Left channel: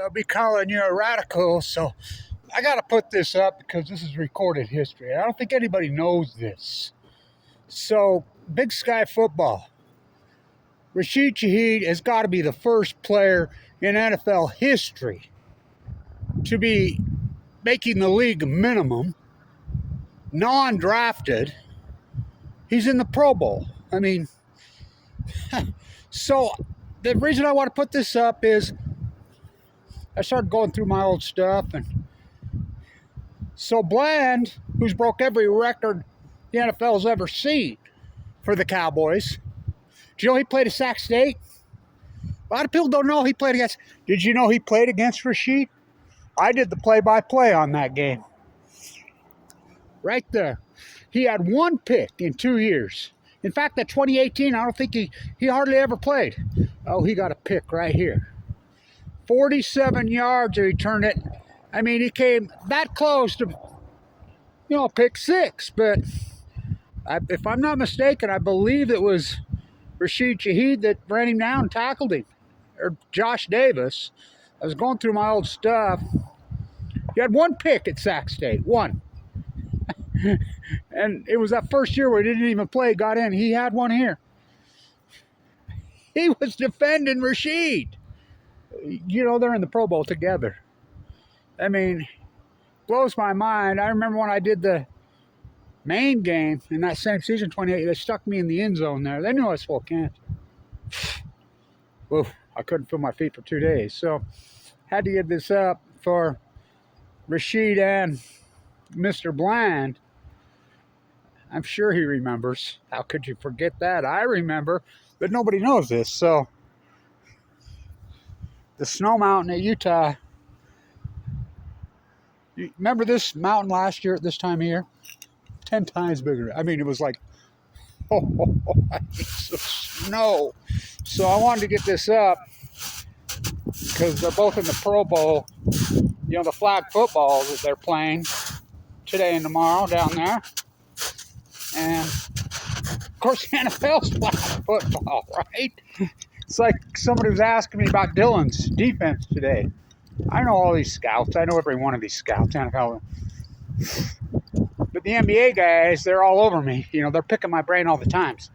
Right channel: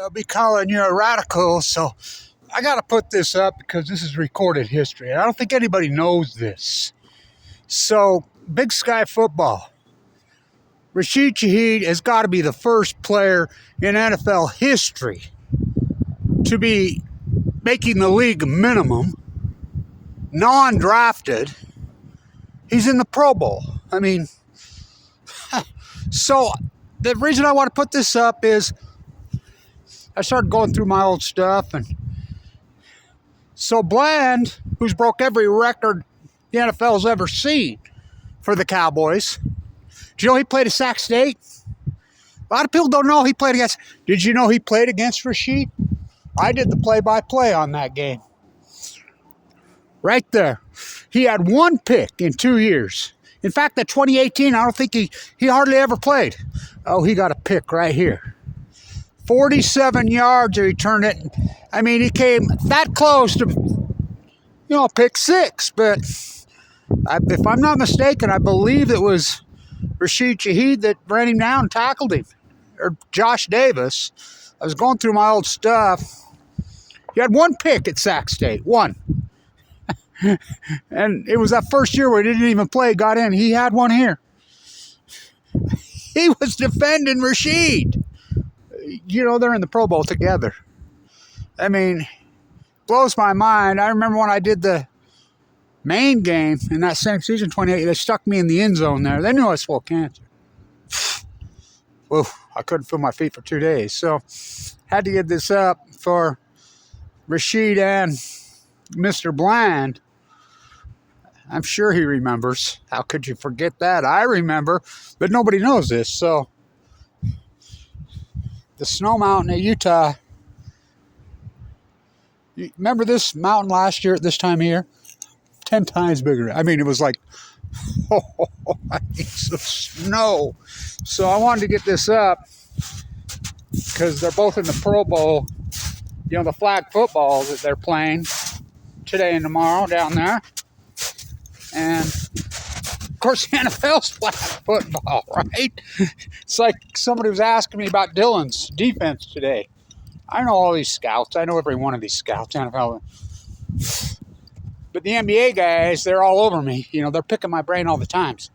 they'll be calling you a radical. So I got to put this up because this is recorded history. I don't think anybody knows this. So, Big Sky Football. Rashid Shaheed has got to be the first player in NFL history to be making the league minimum, non-drafted. He's in the Pro Bowl. I mean, so the reason I want to put this up is I started going through my old stuff, and so Bland, who's broke every record the NFL's ever seen for the Cowboys. Do you know he played at Sac State? A lot of people don't know he played against. Did you know he played against Rashid? I did the play-by-play on that game. Right there. He had one pick in 2 years. In fact, that 2018, I don't think he hardly ever played. Oh, he got a pick right here. 47 yards, he returned it. I mean, he came that close to, pick six. But if I'm not mistaken, I believe it was Rashid Shaheed that ran him down and tackled him. Or Josh Davis. I was going through my old stuff. He had one pick at Sac State. One. And it was that first year where he didn't even play, got in. He had one here. He was defending Rashid. They're in the Pro Bowl together. I mean, blows my mind. I remember when I did the main game in that same season, 28, they stuck me in the end zone there. They knew I was full of cancer. Whoa, I couldn't feel my feet for 2 days. So, had to get this up for Rashid and Mr. Bland. I'm sure he remembers. How could you forget that? I remember, but nobody knows this. So, the snow mountain at Utah. You remember this mountain last year at this time of year? 10 times bigger. I mean, it was like, it's the snow. So I wanted to get this up because they're both in the Pro Bowl. The flag football that they're playing today and tomorrow down there. And, of course, the NFL's flag football, right? It's like somebody was asking me about Dylan's defense today. I know all these scouts. I know every one of these scouts, NFL. But the NBA guys, they're all over me. They're picking my brain all the times.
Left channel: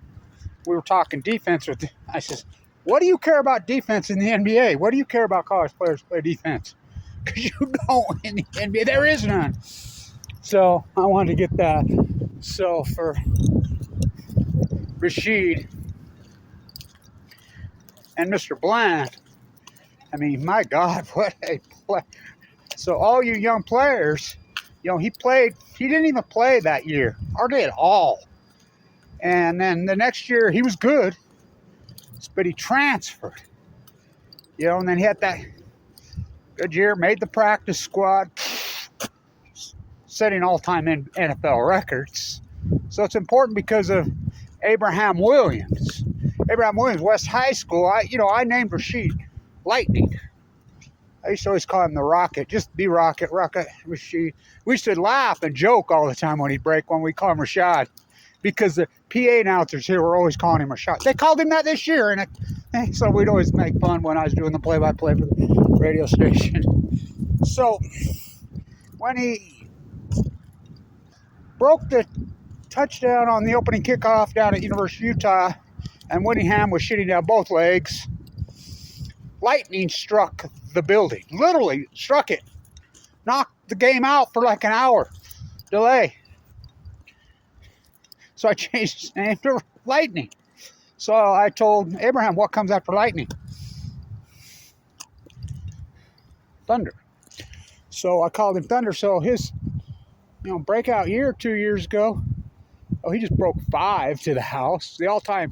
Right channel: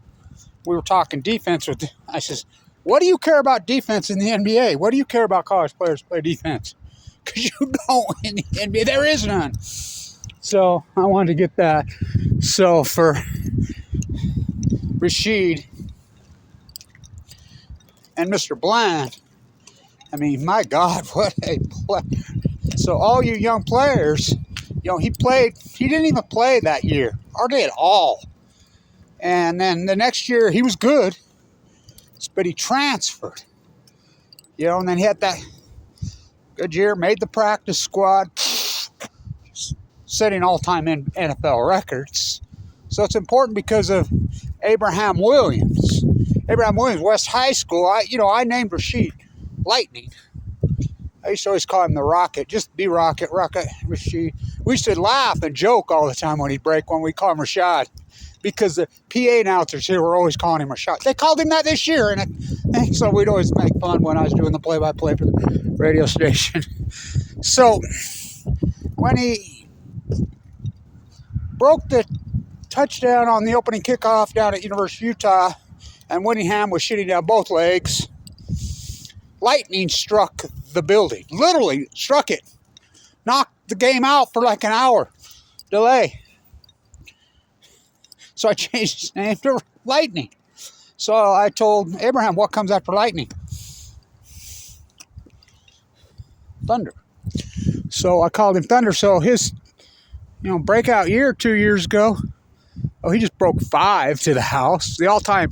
We were talking defense I says, what do you care about defense in the NBA? What do you care about college players play defense? Because you don't in the NBA. There is none. So I wanted to get that. So for Rashid and Mr. Bland, I mean, my God, what a play. So all you young players, he didn't even play that year, hardly at all. And then the next year, he was good, but he transferred. And then he had that good year, made the practice squad, setting all-time NFL records. So it's important because of Abraham Williams. Abraham Williams, West High School, I named Rashid Lightning. I used to always call him the Rocket, just be Rocket, Rashid. We used to laugh and joke all the time when he'd break one. We call him Rashad because the PA announcers here were always calling him Rashad. They called him that this year, and so we'd always make fun when I was doing the play-by-play for the radio station. So when he broke the touchdown on the opening kickoff down at University of Utah, and Whittingham was shooting down both legs, lightning struck the building. Literally struck it. Knocked the game out for like an hour delay. So I changed his name to Lightning. So I told Abraham, what comes after lightning? Thunder. So I called him Thunder. So his breakout year 2 years ago, he just broke 5 to the house. The all-time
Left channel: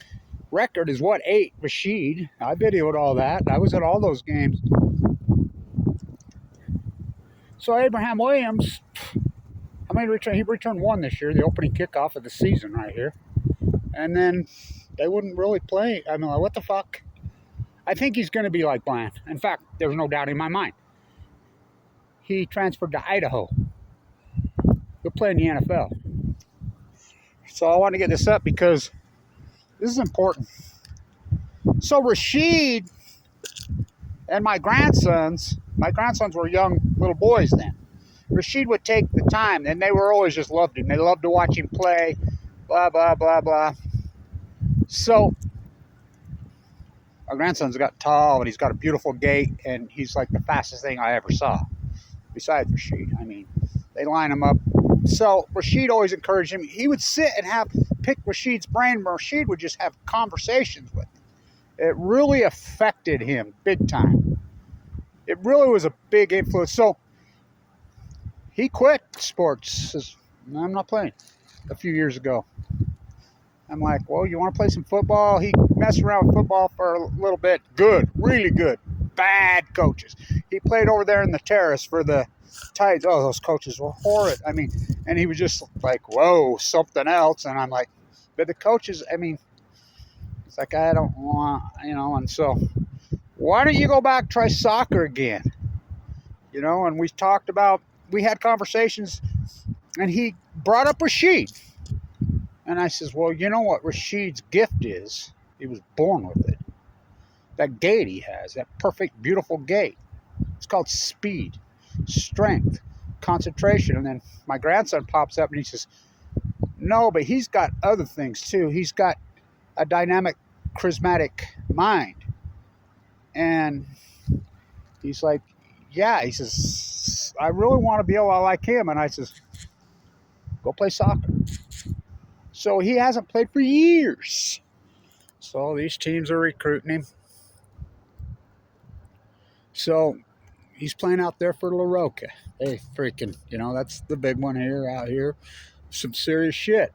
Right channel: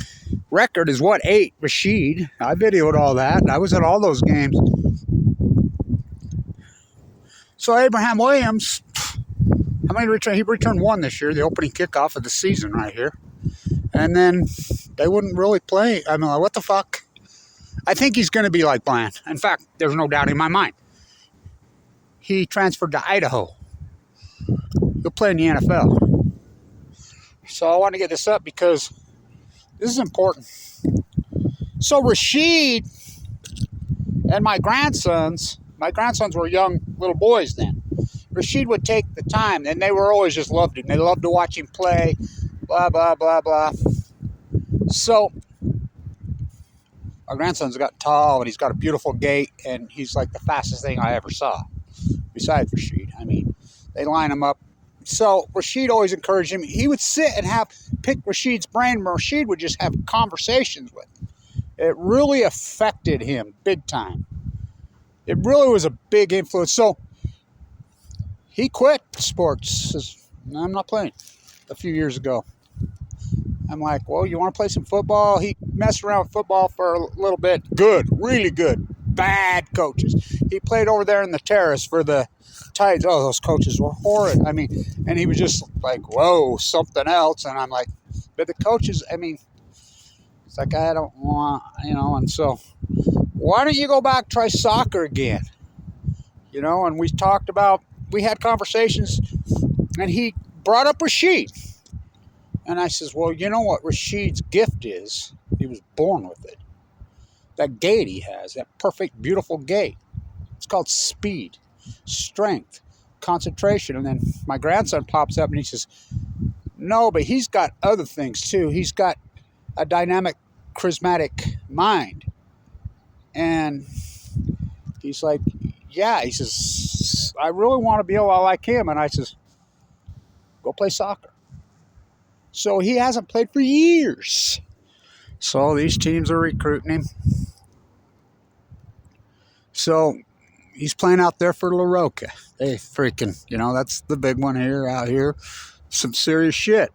record is 8, Rashid. I videoed all that. I was at all those games. So Abraham Williams, how many returned? He returned 1 this year, the opening kickoff of the season right here. And then they wouldn't really play. I mean, what the fuck? I think he's going to be like Bland. In fact, there's no doubt in my mind. He transferred to Idaho. He'll play in the NFL. So I want to get this up because this is important. So Rashid and my grandsons My grandsons were young little boys then. Rashid would take the time, and they were always just loved him. They loved to watch him play, blah, blah, blah, blah. So my grandson's got tall, and he's got a beautiful gait, and he's like the fastest thing I ever saw, besides Rashid. I mean, they line him up. So Rashid always encouraged him. He would sit and pick Rashid's brain, and Rashid would just have conversations with him. It really affected him big time. It really was a big influence. So he quit sports. Says, no, I'm not playing, a few years ago. I'm like, well, you want to play some football? He messed around with football for a little bit. Good, really good. Bad coaches. He played over there in the terrace for the Titans. Oh, those coaches were horrid. I mean, and he was just like, whoa, something else. And I'm like, but the coaches, I mean, it's like, I don't want, and so why don't you go back, try soccer again? And we had conversations, and he brought up Rashid. And I says, well, you know what Rashid's gift is? He was born with it. That gait he has, that perfect, beautiful gait. It's called speed, strength, concentration. And then my grandson pops up and he says, no, but he's got other things too. He's got a dynamic, charismatic mind. And he's like, yeah. He says, I really want to be able to like him. And I says, go play soccer. So he hasn't played for years. So these teams are recruiting him. So he's playing out there for La Roca. They freaking, that's the big one out here. Some serious shit.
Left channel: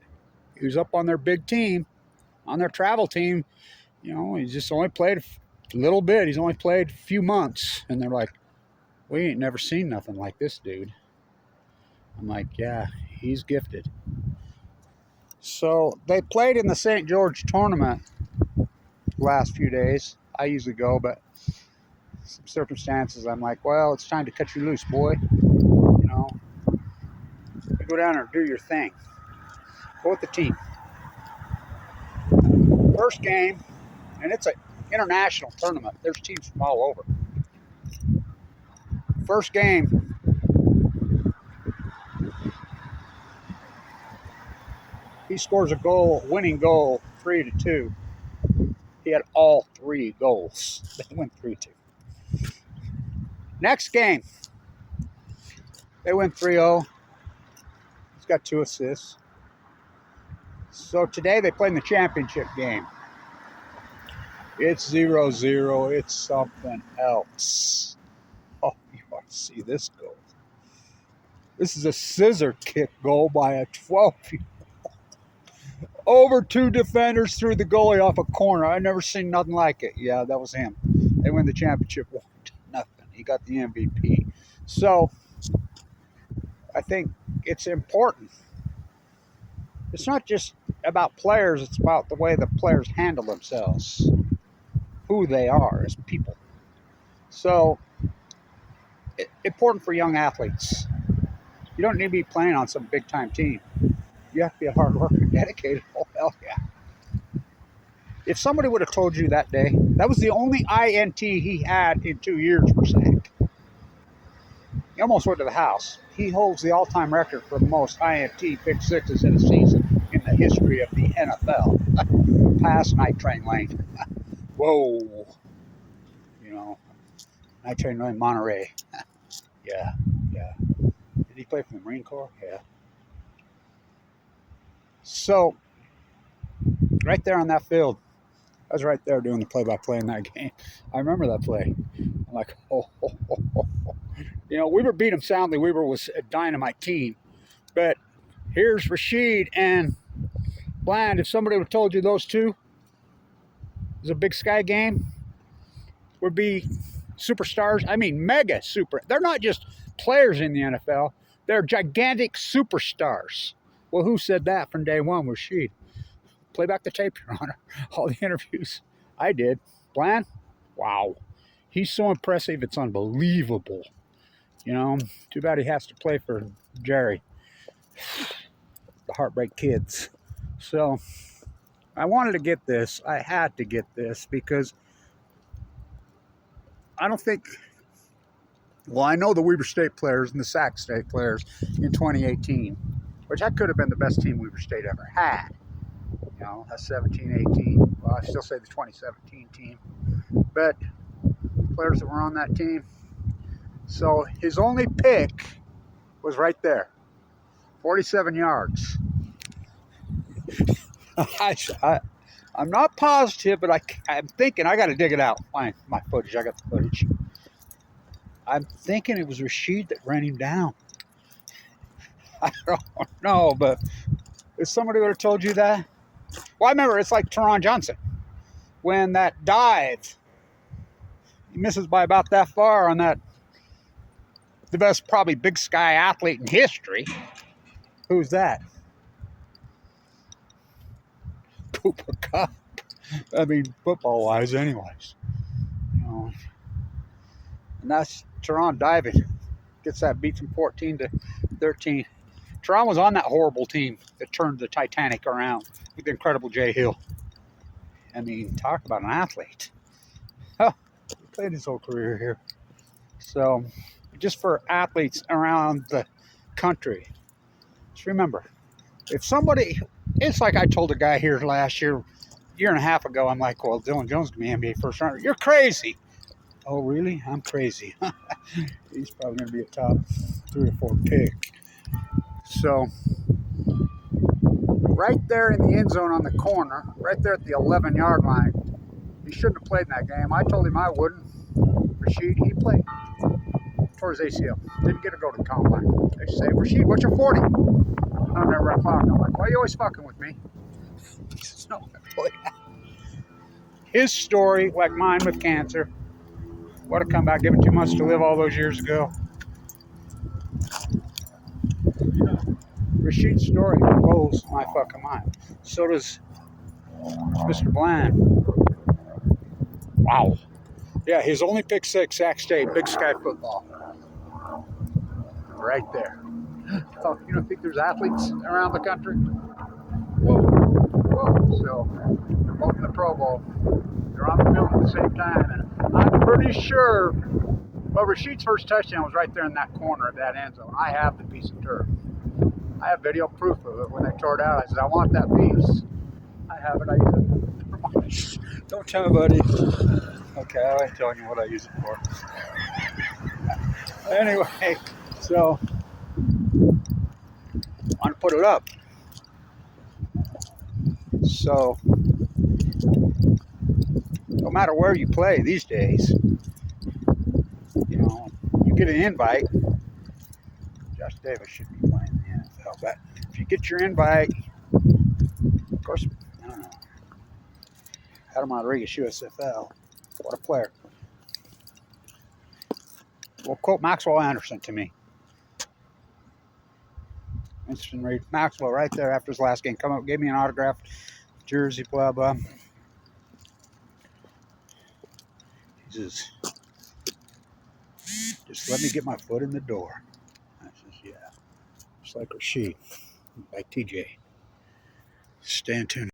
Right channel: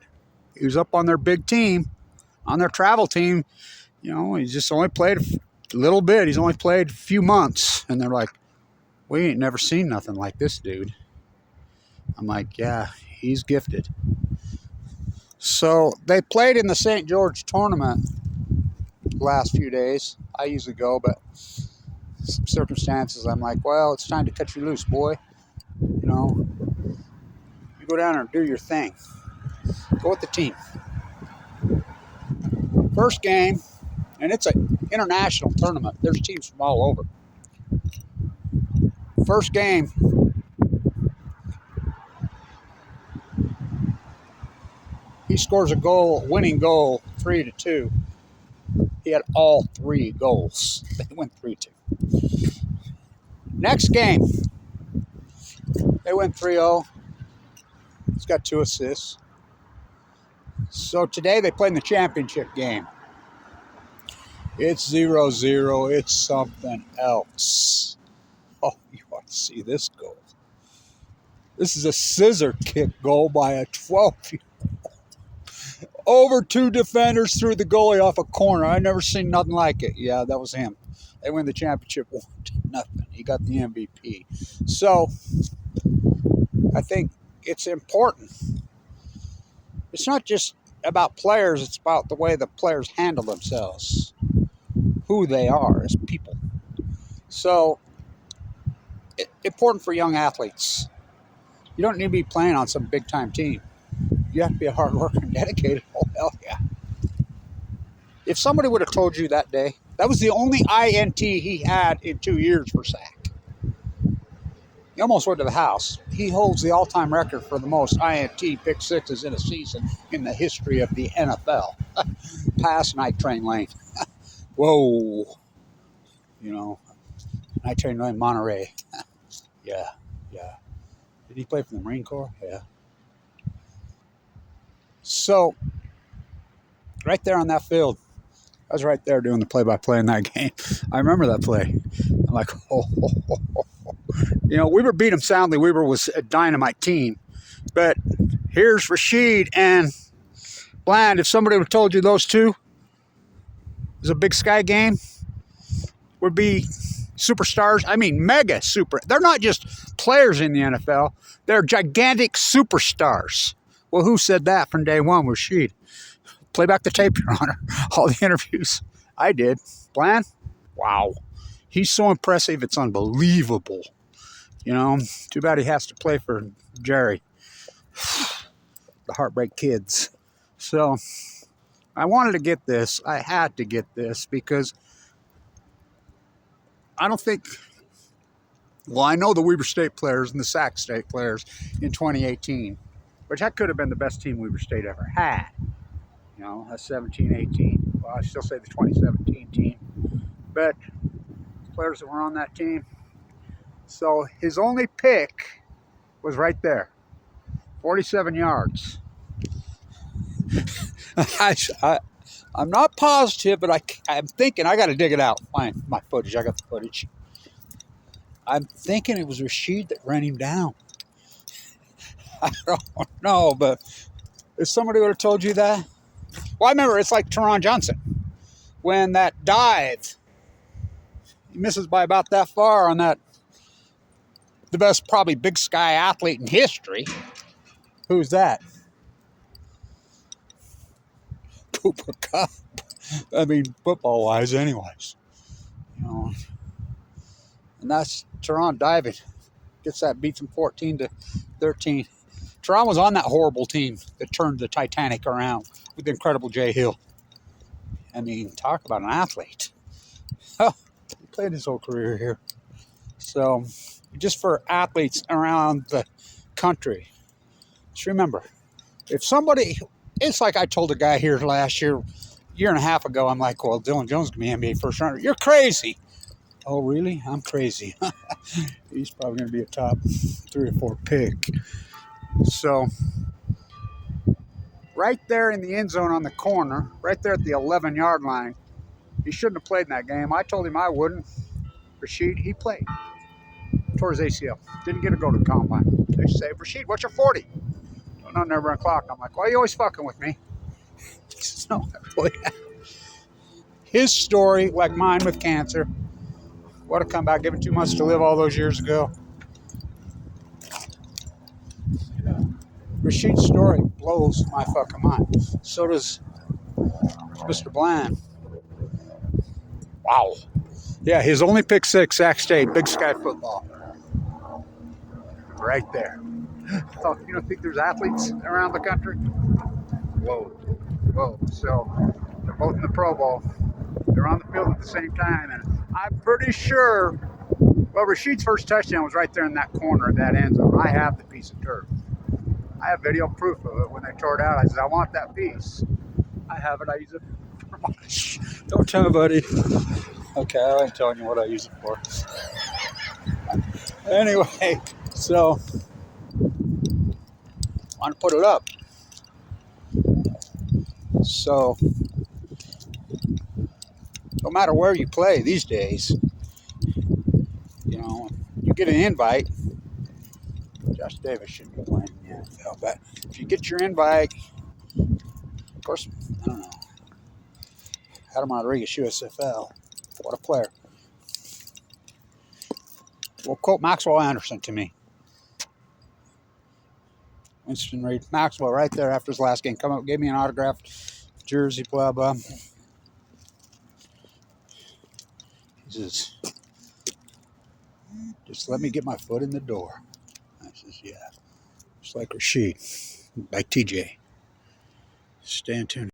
He was up on their big team, on their travel team. He's just only played a little bit. He's only played a few months. And they're like, we ain't never seen nothing like this dude. I'm like, yeah, he's gifted. So they played in the St. George tournament last few days. I usually go, but some circumstances, I'm like, well, it's time to cut you loose, boy. Go down there and do your thing. Go with the team. First game, and it's an international tournament. There's teams from all over. First game, he scores a goal, winning goal, 3-2. He had all 3 goals. They went 3-2. Next game, they went 3-0. He's got 2 assists. So today they played in the championship game. It's 0-0. It's something else. Oh, you want to see this goal? This is a scissor kick goal by a 12-year-old. Over 2 defenders through the goalie off a corner. I've never seen nothing like it. Yeah, that was him. They win the championship 1-0. He got the MVP. So I think it's important. It's not just about players. It's about the way the players handle themselves, who they are as people. So important for young athletes. You don't need to be playing on some big-time team. You have to be a hard worker and dedicated. Oh, hell yeah. If somebody would have told you that day, that was the only INT he had in 2 years for sack. He almost went to the house. He holds the all-time record for the most INT pick sixes in a season in the history of the NFL. Pass Night Train Lane. Whoa. Night Train Lane, Monterey. Yeah. Did he play for the Marine Corps? Yeah. So, right there on that field, I was right there doing the play-by-play in that game. I remember that play. I'm like, oh. Weaver beat him soundly. Weaver was a dynamite team. But here's Rashid and Bland. If somebody would have told you those two was a Big Sky game, would be superstars. I mean, mega super. They're not just players in the NFL. They're gigantic superstars. Well, who said that from day one? Rashid. Play back the tape, Your Honor. All the interviews. I did. Bland? Wow. He's so impressive, it's unbelievable. Too bad he has to play for Jerry. The Heartbreak Kids. So, I wanted to get this. I had to get this because I don't think Well, I know the Weber State players and the Sac State players in 2018, which that could have been the best team Weber State ever had. You know, that's 17-18. Well, I still say the 2017 team. But players that were on that team. So his only pick was right there. 47 yards. I'm not positive, but I'm thinking I got to dig it out. My footage. I got the footage. I'm thinking it was Rashid that ran him down. I don't know, but if somebody would have told you that. Well, I remember it's like DaRon Johnson. When that dive, he misses by about that far on that, the best probably Big Sky athlete in history. Who's that? Cooper Cup. I mean, football-wise anyways. You know, and that's DaRon diving. Gets that beat from 14-13. DaRon was on that horrible team that turned the Titanic around with the incredible Jay Hill. I mean, talk about an athlete. Oh, he played his whole career here. So, just for athletes around the country, just remember, if somebody, it's like I told a guy here last year and a half ago, I'm like, well, Dylan Jones can be NBA first rounder. You're crazy. Oh, really? I'm crazy. He's probably going to be a top 3 or 4 pick. So, right there in the end zone on the corner, right there at the 11-yard line, he shouldn't have played in that game. I told him I wouldn't. Rashid, he played. Tore his ACL. Didn't get to go to the combine. They say, Rashid, what's your 40? I'm never run clock. I'm like, why are you always fucking with me? No, really. His story, like mine with cancer, what a comeback, given 2 months to live all those years ago. Rashid's story blows my fucking mind. So does Mr. Bland. Wow. Yeah, his only pick 6, Sac State, Big Sky football. Right there. Oh, you don't think there's athletes around the country? Whoa. Whoa. So they're both in the Pro Bowl. They're on the field at the same time, and I'm pretty sure, well, Rashid's first touchdown was right there in that corner of that end zone. I have the piece of turf. I have video proof of it. When they tore it out, I said, I want that piece. I have it. I use it. Don't tell nobody. Okay, I ain't telling you what I use it for. Anyway, so I want to put it up. So, no matter where you play these days, you know, you get an invite. Josh Davis shouldn't be playing in the NFL, but if you get your invite, of course, I don't know. Adam Rodriguez, USFL. What a player. Well, quote Maxwell Anderson to me. Winston Reed. Maxwell right there after his last game. Come up, gave me an autographed jersey, blah, blah. He says, just let me get my foot in the door. I says, yeah. Just like Rashid, like TJ. Stay tuned.